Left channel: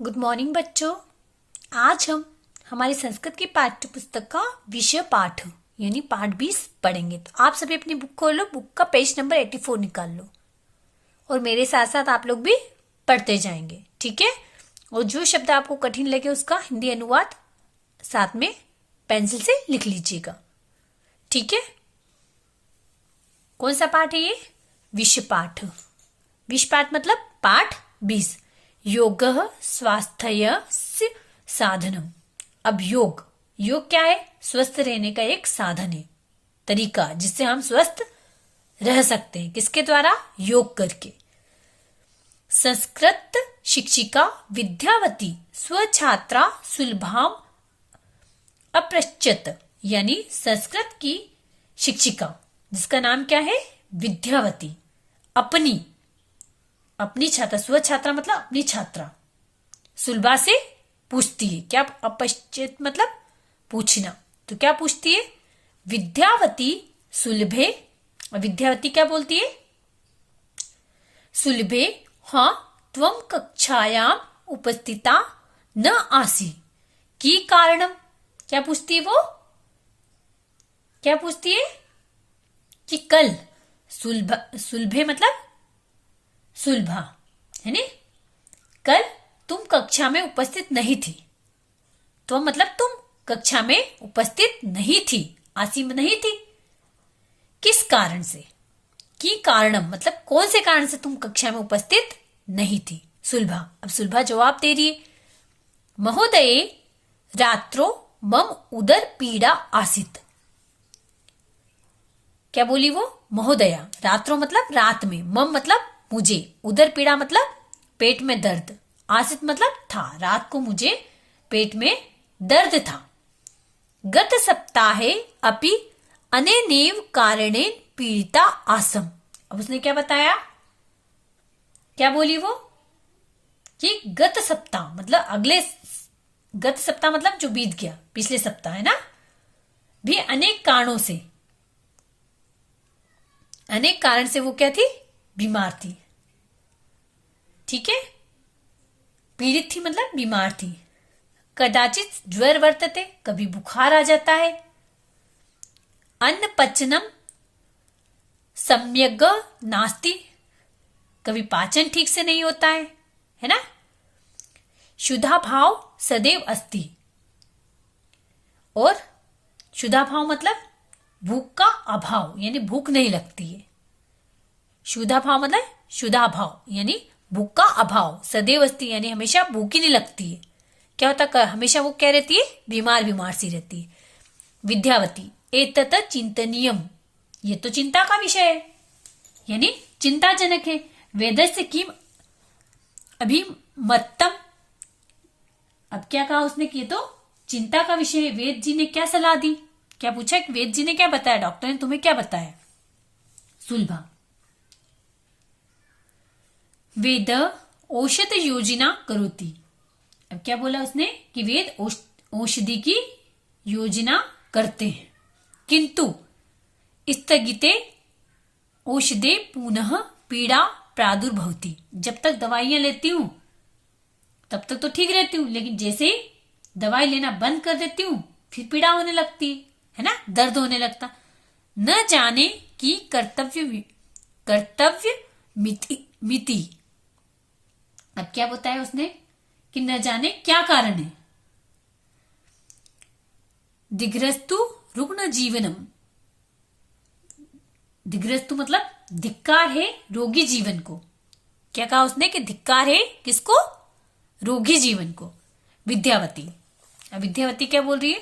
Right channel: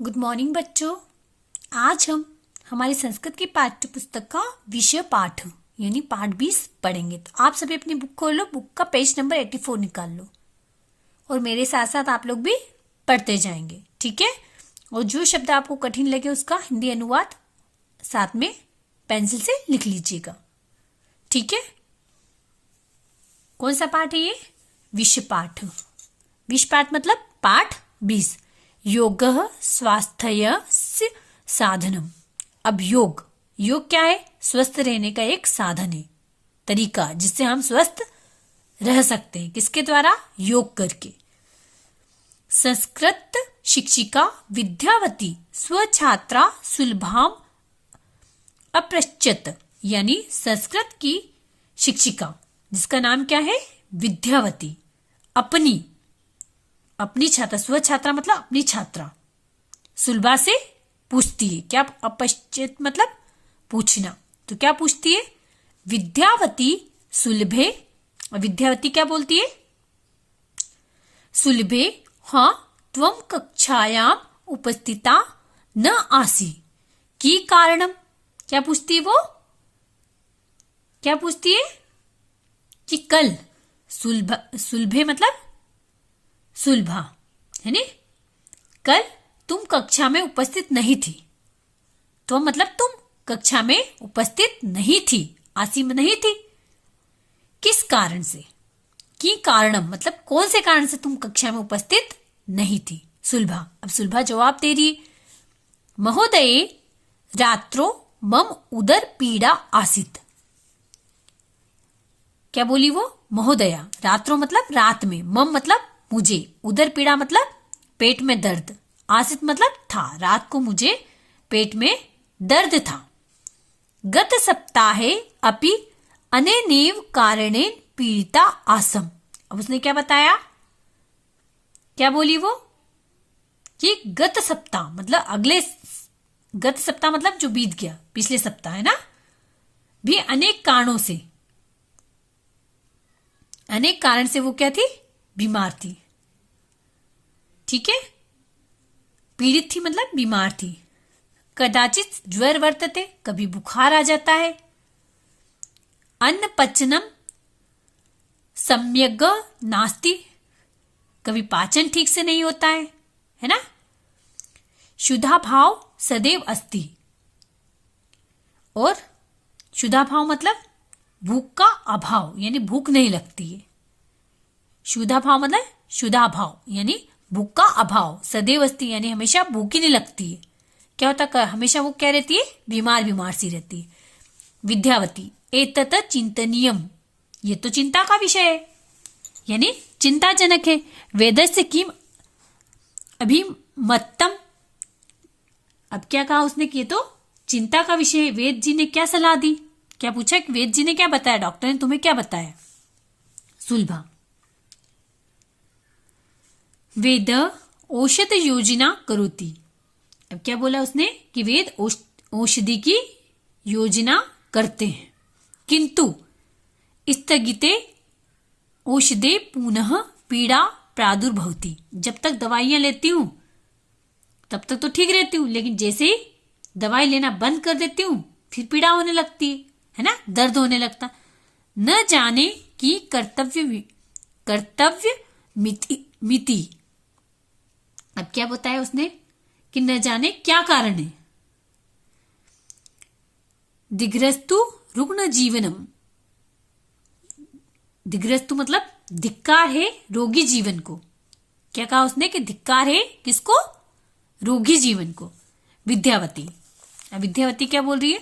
Good morning बच्चों। आज हम हमारी संस्कृत की पाठ्य पुस्तक का विषय पाठ यानी पाठ 20 पढ़ेंगे। तो आप सभी अपनी बुक खोल लो, बुक का पेज नंबर 84 निकाल लो और मेरे साथ साथ आप लोग भी पढ़ते जाएंगे, ठीक है। और जो शब्द आपको कठिन लगे उसका हिंदी अनुवाद साथ में पेंसिल से लिख लीजिएगा, ठीक है। कौन सा पाठ है ये? विषय पाठ। विषय पाठ मतलब पाठ 20। योगः स्वास्थ्यस्य साधनम। अब योग क्या है? स्वस्थ रहने का एक साधन है, तरीका जिससे हम स्वस्थ रह सकते हैं। किसके द्वारा? योग करके। संस्कृत शिक्षिका विद्यावती स्वछात्रा सुलभाम अपृच्छत, यानी संस्कृत की शिक्षिका जिसका नाम क्या है? विद्यावती, अपनी छात्रा, स्वछात्रा मतलब अपनी छात्रा, सुलभा से पूछती है। क्या? अपश्चित मतलब पूछना। तो क्या पूछती है? विद्यावती सुलभे। विद्यावती क्या बोलती है? सुलभे हाँ त्वं कक्षायाम उपस्थिता न आसी की कारणम। क्या पूछती है वो? क्या पूछती है? कि कल सुलभे मतलब सुलभा है नी, कल तुम कक्षा में उपस्थित नहीं थी। तो मतलब तुम कक्षा में उपस्थित नहीं थी, आसी में नहीं थी। किस कारण से? की कारणम मतलब कौन से कारण से तुम कक्षा में उपस्थित नहीं थी? सुलभा। अब सुलभा जवाब दे रही है, महोदये रात्रो मम उदर पीड़ा आसित। क्या बोली वो? महोदया। रात्रो मतलब रात में, मम मतलब मुझे, उदर पीड़ा मतलब पेट में दर्द, आसित मतलब था, रात को मुझे पेट में दर्द था। गत सप्ताहे अपि अनेनेव कारणेन पीड़िता आसम। अब उसने क्या बताया? क्या बोली वो? कि गत सप्ताह मतलब गत सप्ताह मतलब जो बीत गया, पिछले सप्ताह है ना, भी अनेक कारणों से, अनेक कारण से वो क्या थी? बीमार थी, ठीक है। पीड़ित थी मतलब बीमार थी। कदाचित ज्वर वर्तते, कभी बुखार आ जाता है। अन्न पचनम सम्यग नास्ति, कभी पाचन ठीक से नहीं होता है ना। शुद्धा भाव सदैव अस्ति, और शुद्धा भाव मतलब भूख का अभाव, यानी भूख नहीं लगती है। शुद्धा भाव मतलब शुद्धा भाव यानी भूख का अभाव, सदैव अस्ति यानी हमेशा भूख ही नहीं लगती है। क्या होता? हमेशा वो क्या रहती है? बीमार सी रहती है। विद्यावती एतत चिंतनीयम, ये तो चिंता का विषय है, यानी चिंताजनक है। वेदस्य किम अभिमत्तम। अब क्या कहा उसने कि ये तो चिंता का विषय है। वेद जी ने क्या सलाह दी? क्या पूछा? वेद जी ने क्या बताया? डॉक्टर ने तुम्हें क्या बताया? सुलभा वेद औषध योजना करोति। अब क्या बोला उसने? कि वेद औषधि की योजना करते हैं, किंतु स्थगिते औषधे पुनः पीड़ा प्रादुर्भवति। जब तक दवाइयां लेती हूं तब तक तो ठीक रहती हूं, लेकिन जैसे ही दवाई लेना बंद कर देती हूं फिर पीड़ा होने लगती है ना, दर्द होने लगता। न जाने की कर्तव्य मिति। अब क्या बताया उसने? कि न जाने क्या कारण है। दिग्रस्तु रुग्ण जीवनम। दिग्रस्तु मतलब धिक्कार है रोगी जीवन को। क्या कहा उसने? कि धिक्कार है किसको? रोगी जीवन को। विद्यावती क्या बोल रही है?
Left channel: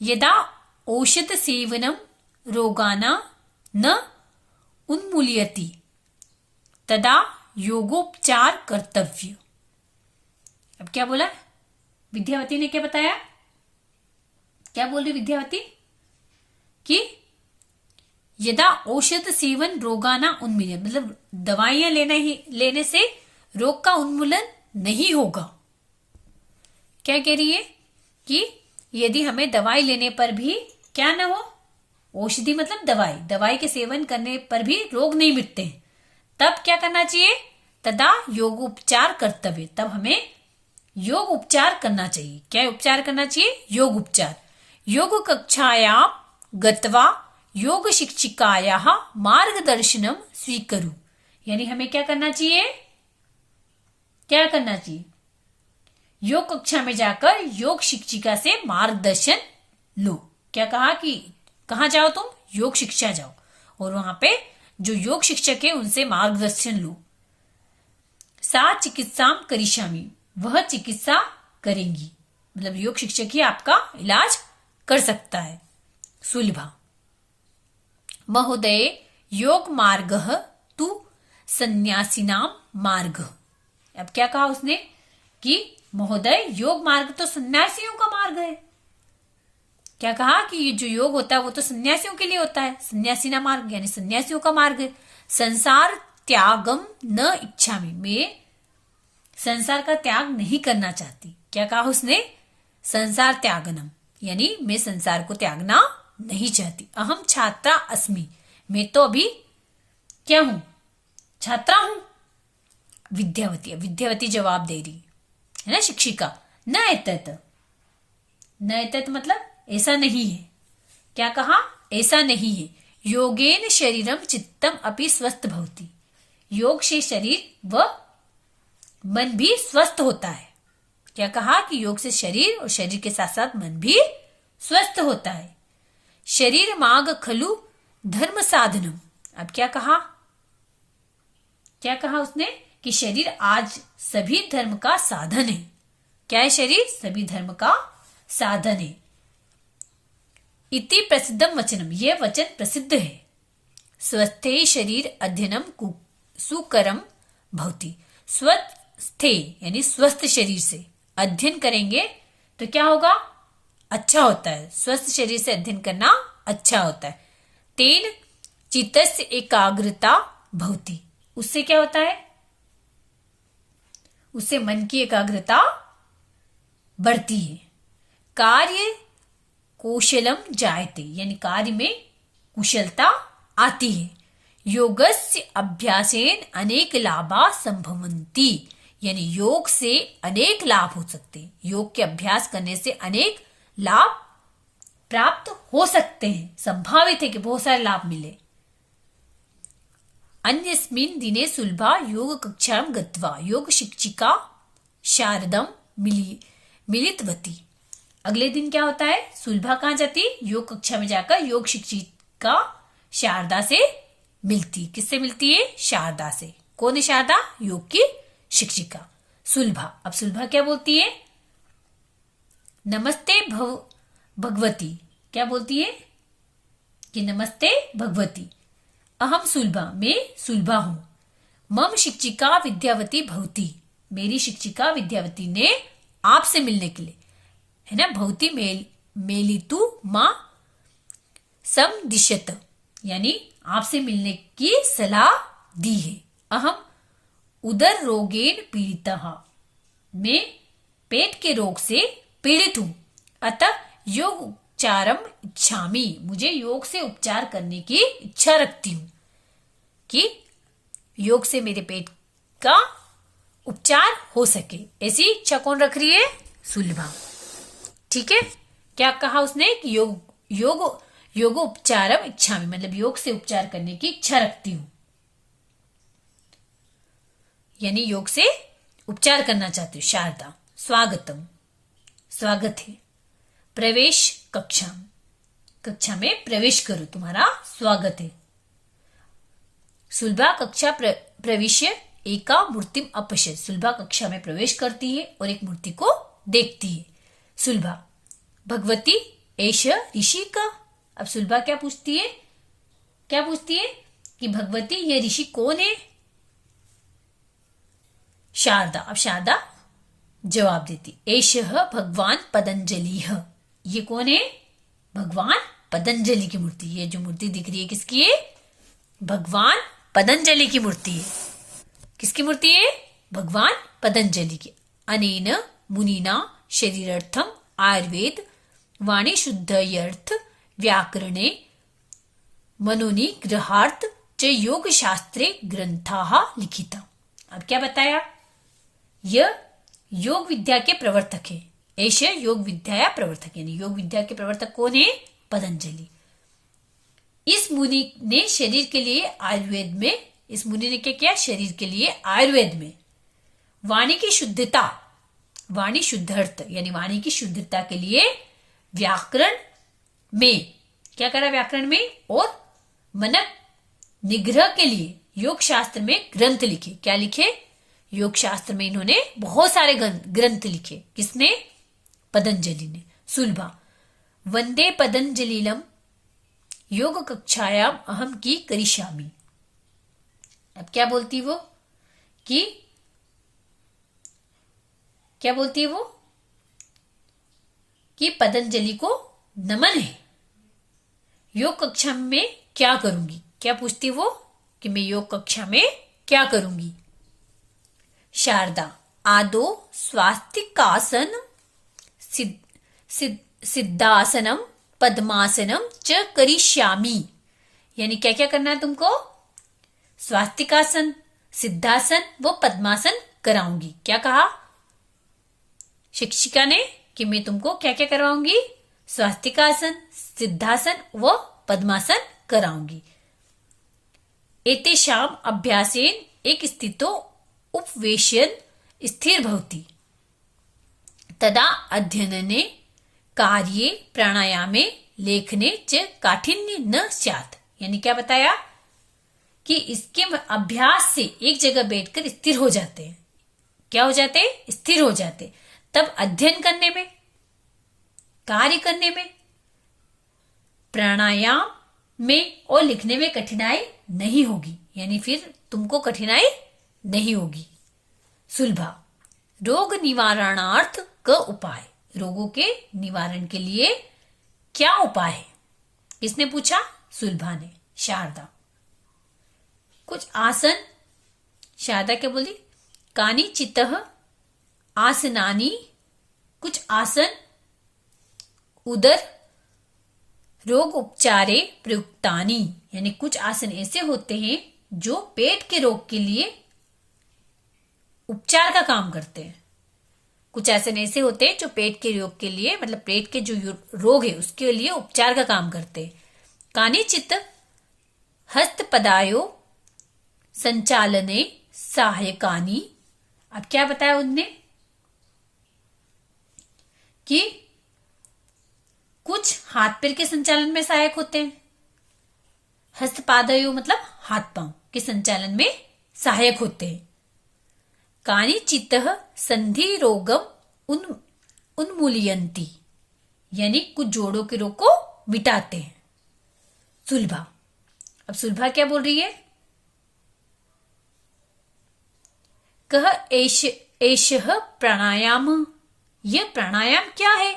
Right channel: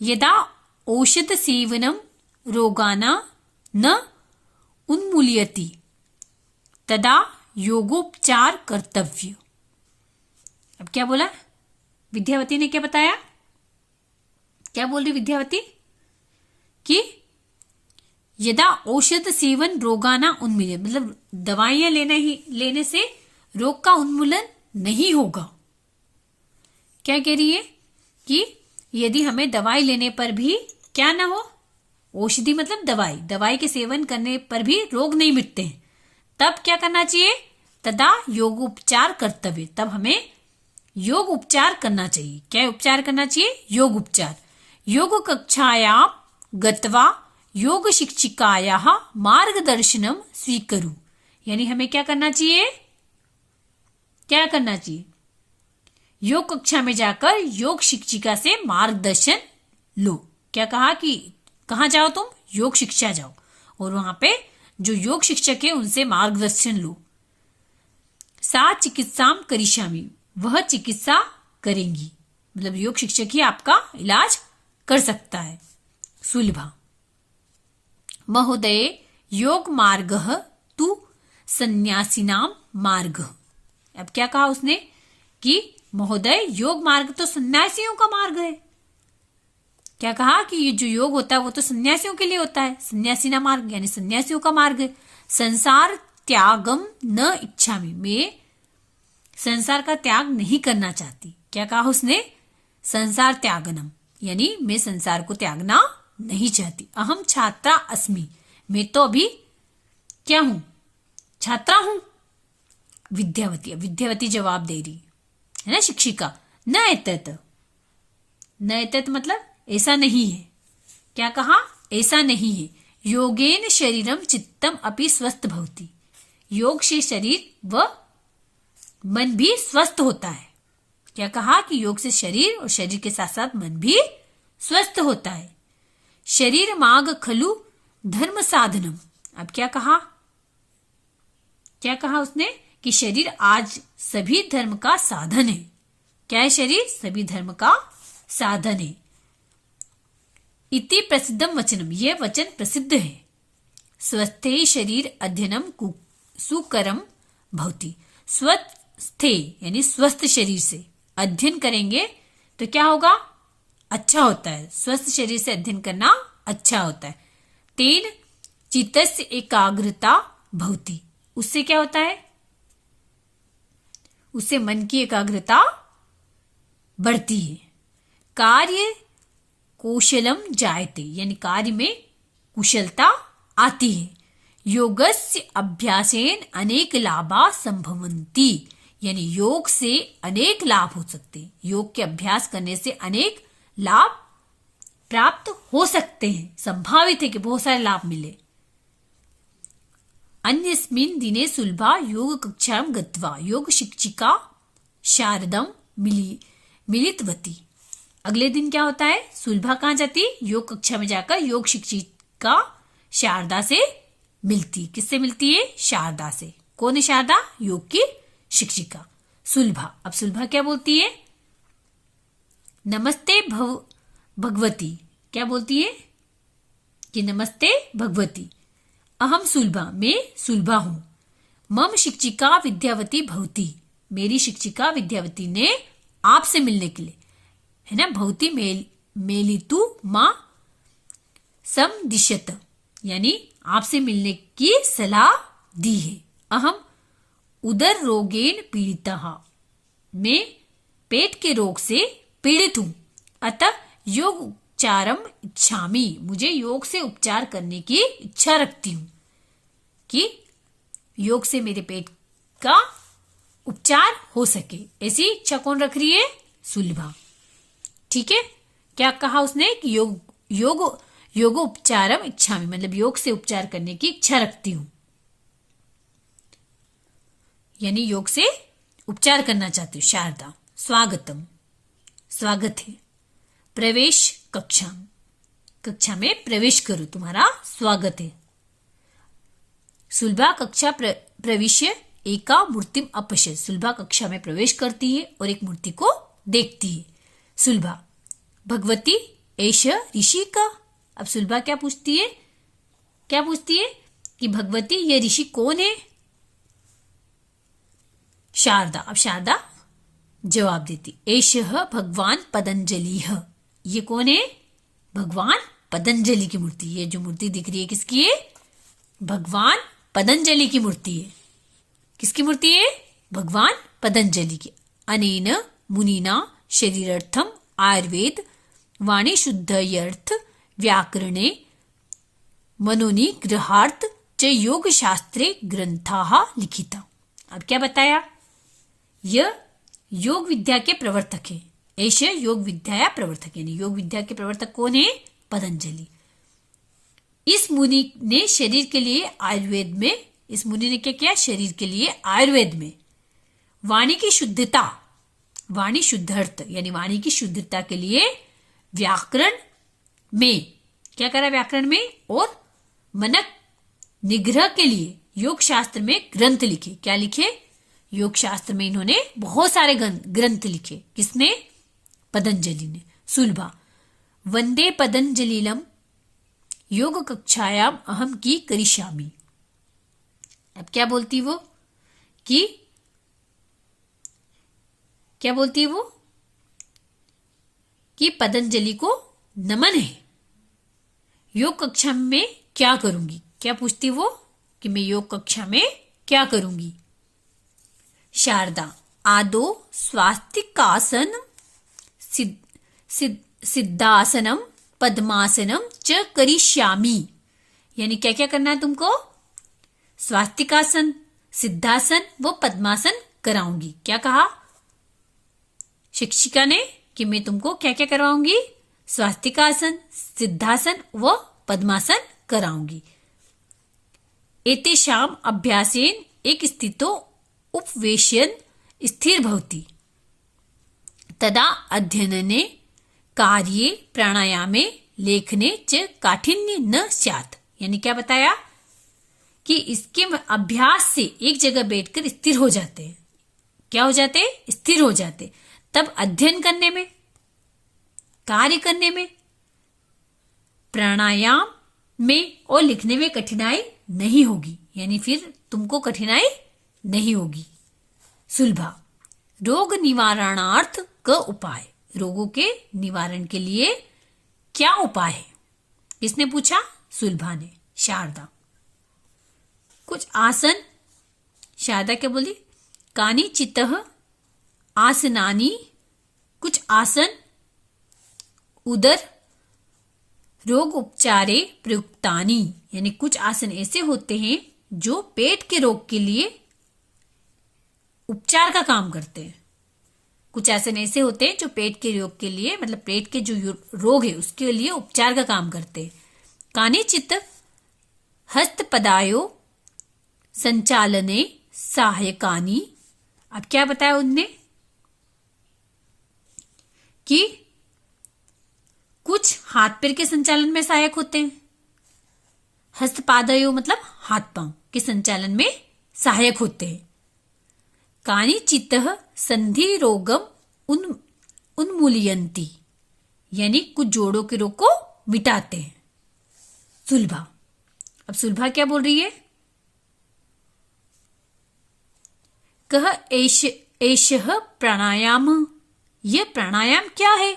यदा औषध सेवनम रोगाना न उन्मूल्यति तदा योगोपचार कर्तव्य। अब क्या बोला? विद्यावती ने क्या बताया? क्या बोल रही विद्यावती? कि यदा औषध सेवन रोगाना उन्मूलन, मतलब दवाइयां लेने से रोग का उन्मूलन नहीं होगा। क्या कह रही है? कि यदि हमें दवाई लेने पर भी क्या ना हो, औषधि मतलब दवाई के सेवन करने पर भी रोग नहीं मिटते हैं, तब क्या करना चाहिए? तदा योगोपचार कर्तव्य, तब हमें योग उपचार करना चाहिए। क्या उपचार करना चाहिए? योग उपचार। योग कक्षायां गत्वा योग शिक्षिकायाः मार्गदर्शनम स्वीकरु। यानी हमें क्या करना चाहिए? क्या करना चाहिए? योग कक्षा में जाकर योग शिक्षिका से मार्गदर्शन लो। क्या कहा कि कहाँ जाओ तुम? योग शिक्षा जाओ और वहां पे जो योग शिक्षक है उनसे मार्गदर्शन लो। सा चिकित्साम करिष्यामि, वह चिकित्सा करेंगी, मतलब योग शिक्षक ही आपका इलाज कर सकता है। सुलभा महोदय योग मार्गः तु सन्यासिनाम मार्गः। अब क्या कहा उसने कि महोदय योग मार्ग तो सन्यासियों का मार्ग है। क्या कहा कि ये जो योग होता है वो तो सन्यासियों के लिए होता है। सन्यासीना मार्ग यानी सन्यासियों का मार्ग है। संसार त्यागम न इच्छामि, मैं संसार का त्याग नहीं करना चाहती। क्या कहा उसने? संसार त्यागनम, यानी मैं संसार को त्यागना नहीं चाहती। अहम छात्रा अस्मि, मैं तो अभी क्या हूं? छात्रा हूं। विद्यावती, विद्यावती जवाब दे रही है ना शिक्षिका। न एतत, न एतत मतलब ऐसा नहीं है। क्या कहा? ऐसा नहीं है। योगेन शरीरम चित्तम अपि स्वस्थ भवति, योग से शरीर व मन भी स्वस्थ होता है। क्या कहा कि योग से शरीर और शरीर के साथ साथ मन भी स्वस्थ होता है। शरीर माग खलु धर्म साधनम। अब क्या कहा? क्या कहा उसने कि शरीर आज सभी धर्म का साधन है। क्या है शरीर? सभी धर्म का साधन है। इति प्रसिद्धम वचनम, यह वचन प्रसिद्ध है। स्वस्थे शरीर अध्ययनम सुकरम भवति, स्वस्थे यानी स्वस्थ शरीर से अध्ययन करेंगे तो क्या होगा? अच्छा होता है। स्वस्थ शरीर से अध्ययन करना अच्छा होता है। तेन चित्तस्य एकाग्रता भवति, उससे क्या होता है? उससे मन की एकाग्रता बढ़ती है। कार्य कौशलम जायते, यानी कार्य में कुशलता आती है। योगस्य अभ्यासेन अनेक लाभा संभवन्ति, यानी योग से अनेक लाभ हो सकते हैं। योग के अभ्यास करने से अनेक लाभ प्राप्त हो सकते हैं। संभावित है कि बहुत सारे लाभ मिले। अन्यस्मिन् दिने सुलभा योग कक्षां गत्वा योग शिक्षिका शारदम मिलितवती। अगले दिन क्या होता है? सुलभा कहाँ जाती? योग कक्षा में जाकर योग शिक्षिका शारदा से मिलती। किससे मिलती है? शारदा से। कौन है शारदा? योग की शिक्षिका सुलभा। अब सुलभा क्या बोलती है? नमस्ते भगवती। क्या बोलती है? कि नमस्ते भगवती, अहम सुलभा, मैं सुलभा हूं। मम शिक्षिका विद्यावती भवती, मेरी शिक्षिका विद्यावती ने आपसे मिलने के लिए, है ना, भवती मेलितु मां समदिशत, यानी आपसे मिलने की सलाह दी है। अहम उदर रोगेन पीड़ितः, मैं पेट के रोग से पीड़ित हूं। अतः योग उपचारम इच्छामि, मुझे योग से उपचार करने की इच्छा रखती हूं कि योग से मेरे पेट का उपचार हो सके। ऐसी इच्छा कौन रख रही है? सुलभा। ठीक है। क्या कहा उसने कि योग उपचारम इच्छामि, मतलब योग से उपचार करने की इच्छा रखती हूं, यानी योग से उपचार करना चाहती हूँ। शारदा स्वागतम, स्वागत है। प्रवेश कक्षा, कक्षा में प्रवेश करो, तुम्हारा स्वागत है। सुलभा कक्षा प्रविश्य एका मूर्तिम अपश्यत, सुलभा कक्षा में प्रवेश करती है और एक मूर्ति को देखती है। सुलभा भगवती एष ऋषि का। अब सुलभा क्या पूछती है? क्या पूछती है कि भगवती ये ऋषि कौन है? शारदा। अब शारदा जवाब देती, एषः भगवान पतंजलि। ये कौन है? भगवान पतंजलि की मूर्ति। ये जो मूर्ति दिख रही है किसकी है? भगवान पतंजलि की मूर्ति है। किसकी मूर्ति है? भगवान पतंजलि की। अनेन मुनिना शरीरार्थम आयुर्वेद वाणी शुद्धयर्थ व्याकरणे मनोनि गृहार्थ च योग शास्त्रे ग्रंथाः लिखिता। अब क्या बताया? यह योग विद्या के प्रवर्तक है। एष योग विद्या प्रवर्तक, यानी योग विद्या के प्रवर्तक कौन है? पतंजलि। इस मुनि ने शरीर के लिए आयुर्वेद में, इस मुनि ने क्या किया? शरीर के लिए आयुर्वेद में वाणी की शुद्धता, वाणी शुद्धार्थ यानी वाणी की शुद्धता के लिए व्याकरण में क्या करा? व्याकरण में और मनक निग्रह के लिए योग शास्त्र में ग्रंथ लिखे। क्या लिखे? योग शास्त्र में इन्होंने बहुत सारे ग्रंथ लिखे। किसने? पतंजलि ने। सुलभा वंदे पतंजलिलम योग कक्षायाम अहम की करिष्यामि। अब क्या बोलती वो? कि क्या बोलती है वो? कि पतंजलि को नमन है, योग कक्षा में क्या करूंगी? क्या पूछती वो? कि मैं योग कक्षा में क्या करूंगी? शारदा आदो स्वास्तिकासन सिद्धासनम पद्मासनम च करिष्यामि, यानी क्या क्या करना है तुमको? स्वास्तिकासन, सिद्धासन व पद्मासन कराऊंगी। क्या कहा शिक्षिका ने? कि मैं तुमको क्या क्या करवाऊंगी? स्वास्तिकासन, सिद्धासन व पद्मासन कराऊंगी। एतेषाम अभ्यासेन एक स्थितो उपवेशन स्थिर भवति तदा अध्ययने कार्ये प्राणायामे लेखने च काठिन्य न स्यात्, यानी क्या बताया? कि इसके अभ्यास से एक जगह बैठकर स्थिर हो जाते हैं। क्या हो जाते? स्थिर हो जाते। तब अध्ययन करने में, कार्य करने में, प्राणायाम में और लिखने में कठिनाई नहीं होगी, यानी फिर तुमको कठिनाई नहीं होगी। सुलभा रोग निवारणार्थ का उपाय, रोगों के निवारण के लिए क्या उपाय है? किसने पूछा? सुलभा ने। शारदा कुछ आसन, शारदा क्या बोली? कानी चित्तः आसनानी, कुछ आसन उदर रोग उपचारे प्रयुक्तानी, यानी कुछ आसन ऐसे होते हैं जो पेट के रोग के लिए उपचार का काम करते हैं। कुछ आसन ऐसे होते हैं जो पेट के रोग के लिए, मतलब पेट के जो रोग है उसके लिए उपचार का काम करते हैं। कानिचित हस्तपदायो संचालने सहायकानी। अब क्या बताया उनने? कि कुछ हाथ पैर के संचालन में सहायक होते हैं। हस्तपादयो मतलब हाथ पांव के संचालन में सहायक होते हैं। कानिचित संधि रोगम उन्मूलयन्ति, यानी कुछ जोड़ों के रोग को मिटाते हैं। सुलभा, अब सुलभा क्या बोल रही है? कह एषः प्राणायाम, यह प्राणायाम क्या है?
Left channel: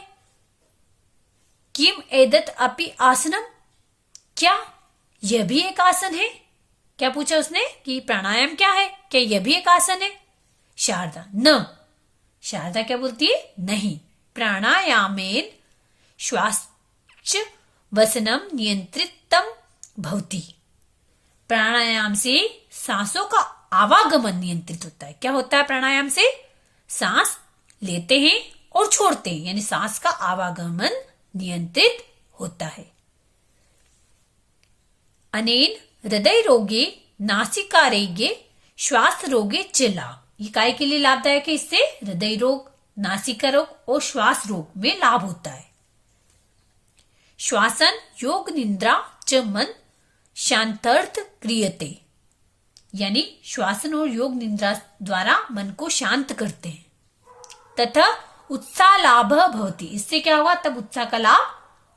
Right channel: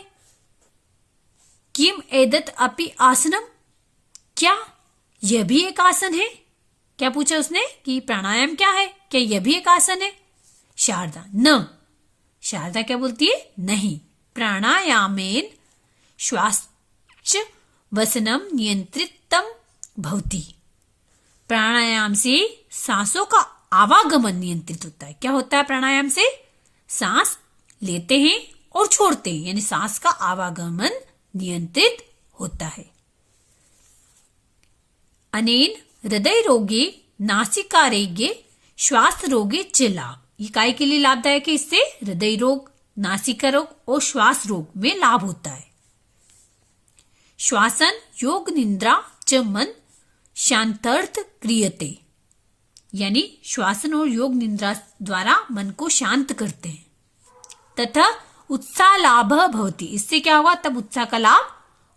किम एदत अपि आसनम, क्या यह भी एक आसन है? क्या पूछा उसने कि प्राणायाम क्या है, क्या यह भी एक आसन है? शारदा न, शारदा क्या बोलती है? नहीं। प्राणायामेन श्वास वसनम नियंत्रितम भवति, प्राणायाम से सांसों का आवागमन नियंत्रित होता है। क्या होता है प्राणायाम से? सांस लेते हैं और छोड़ते हैं, यानी सांस का आवागमन नियंत्रित होता है। अनेन हृदय रोगे नासिकारोगे श्वास रोगे च लाभ, ये काय के लिए लाभदायक है? इससे हृदय रोग, नासिका रोग और श्वास रोग में लाभ होता है। श्वासन योग निद्रा च मन शांतार्थ क्रियते, यानी श्वासन और योग निद्रा द्वारा मन को शांत करते हैं। तथा उत्साह लाभ भवति, इससे क्या हुआ? तब उत्साह का लाभ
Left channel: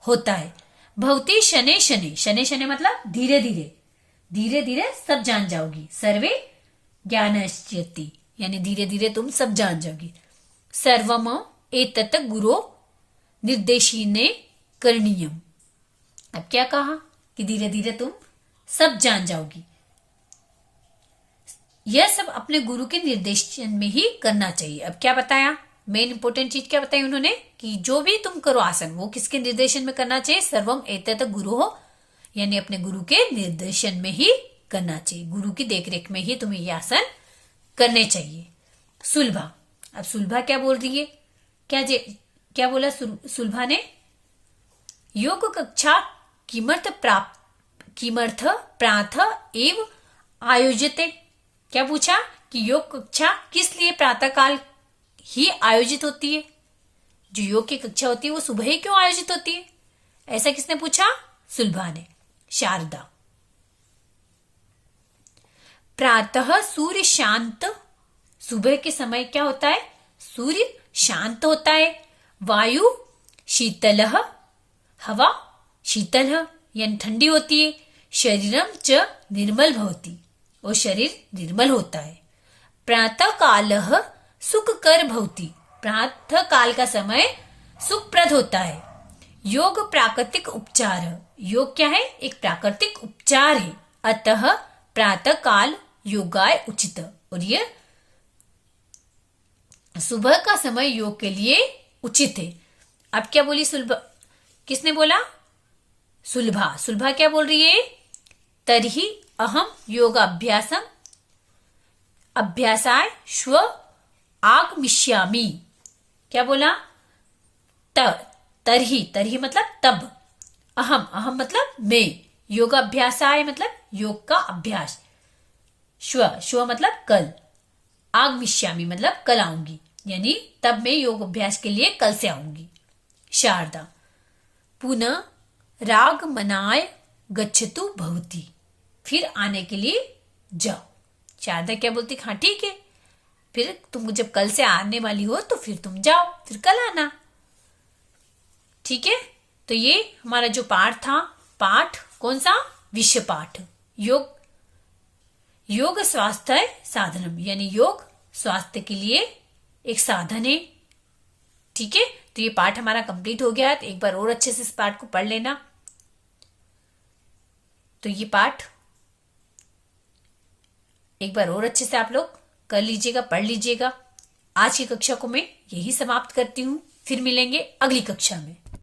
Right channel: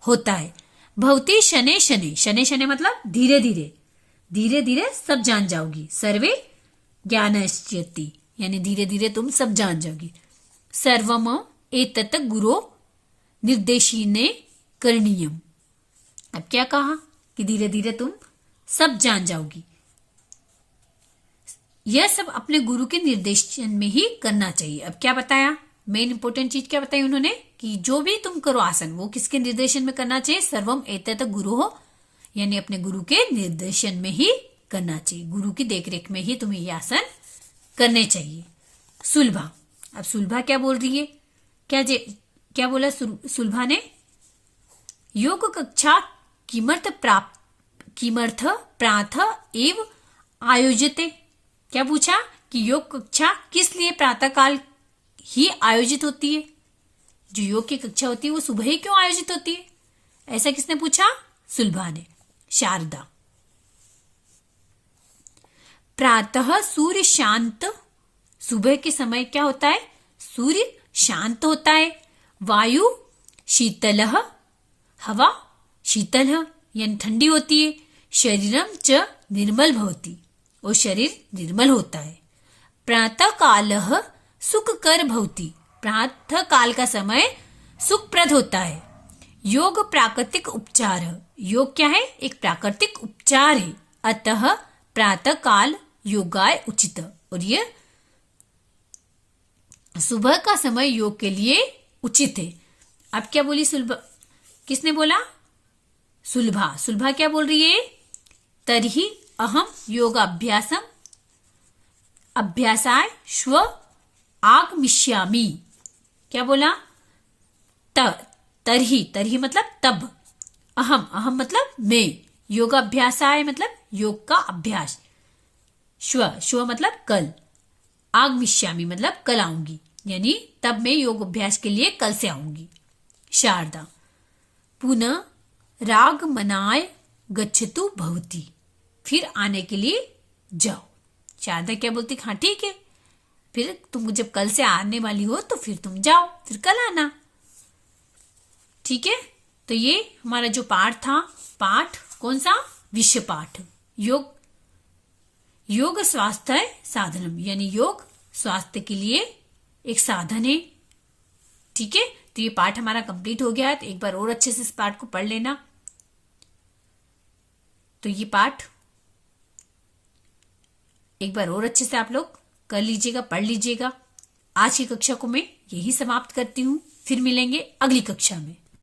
होता है। भवति शनै शनै, शनै शनै मतलब धीरे धीरे, धीरे धीरे सब जान जाओगी। सर्वे ज्ञानश्यति, यानी धीरे धीरे तुम सब जान जाओगी। सर्वम एतत् गुरो निर्देशिने करणीयम, अब क्या कहा? कि धीरे धीरे तुम सब जान जाओगी। यह सब अपने गुरु के निर्देशन में ही करना चाहिए। अब क्या बताया? मेन इंपोर्टेंट चीज क्या बताई उन्होंने? कि जो भी तुम करो आसन, वो किसके निर्देशन में करना चाहिए? सर्वम एतत् गुरु हो, यानी अपने गुरु के निर्देशन में ही करना चाहिए। गुरु की देखरेख में ही तुम्हें ये आसन करने चाहिए। सुलभा, अब सुलभा क्या बोल रही है? क्या बोला सुलभा ने? योग कक्षा किमर्थ प्राथ एव आयोजिते। क्या पूछा? कि योग कक्षा किस लिए प्रातःकाल ही आयोजित होती है? जो योग की कक्षा होती है वो सुबह ही क्यों आयोजित होती है? ऐसा किसने पूछा? सुलभा ने। शारदा, प्रातः सूर्य शांत, सुबह के समय क्या होता है? सूर्य शांत होता है। वायु शीतल, हवा शीतल यानी ठंडी होती है। शरीरम च निर्मल भवति, वो शरीर निर्मल होता है। प्रातः काल सुखकर भवति, प्रातः काल का समय सुखप्रद होता है। योग प्राकृतिक उपचार है, योग क्या है? एक प्राकृतिक उपचार है। अतः प्रातः काल योगाय उचित, और ये सुबह का समय योग के लिए उचित है। अब क्या बोली सुलभा? किसने बोला? सुलभा। सुलभा क्या बोल रही है? तर्हि अहम योगाभ्यासम अभ्यासाय श्व आगमिष्यामि। क्या बोला? तरही मतलब तब। अहम मतलब मैं। योगाभ्यासाय मतलब योग का अभ्यास। श्व मतलब कल। आगमिष्यामि मतलब कल आऊंगी, यानी तब मैं योग अभ्यास के लिए कल से आऊंगी। शारदा, पुनः रागमनाय गच्छतु भवति, फिर आने के लिए जाओ। शारदा क्या बोलती? हाँ ठीक है, फिर तुम जब कल से आने वाली हो तो फिर तुम जाओ, फिर कल आना। ठीक है, तो ये हमारा जो पाठ था, पाठ कौन सा? विषय पाठ। योग स्वास्थ्य साधनम, यानी योग स्वास्थ्य के लिए एक साधन है। ठीक है, तो ये पाठ हमारा कंप्लीट हो गया है। तो एक बार और अच्छे से इस पाठ को पढ़ लेना। तो ये पाठ एक बार और अच्छे से आप लोग कर लीजिएगा, पढ़ लीजिएगा। आज की कक्षा को मैं यही समाप्त करती हूँ। फिर मिलेंगे अगली कक्षा में।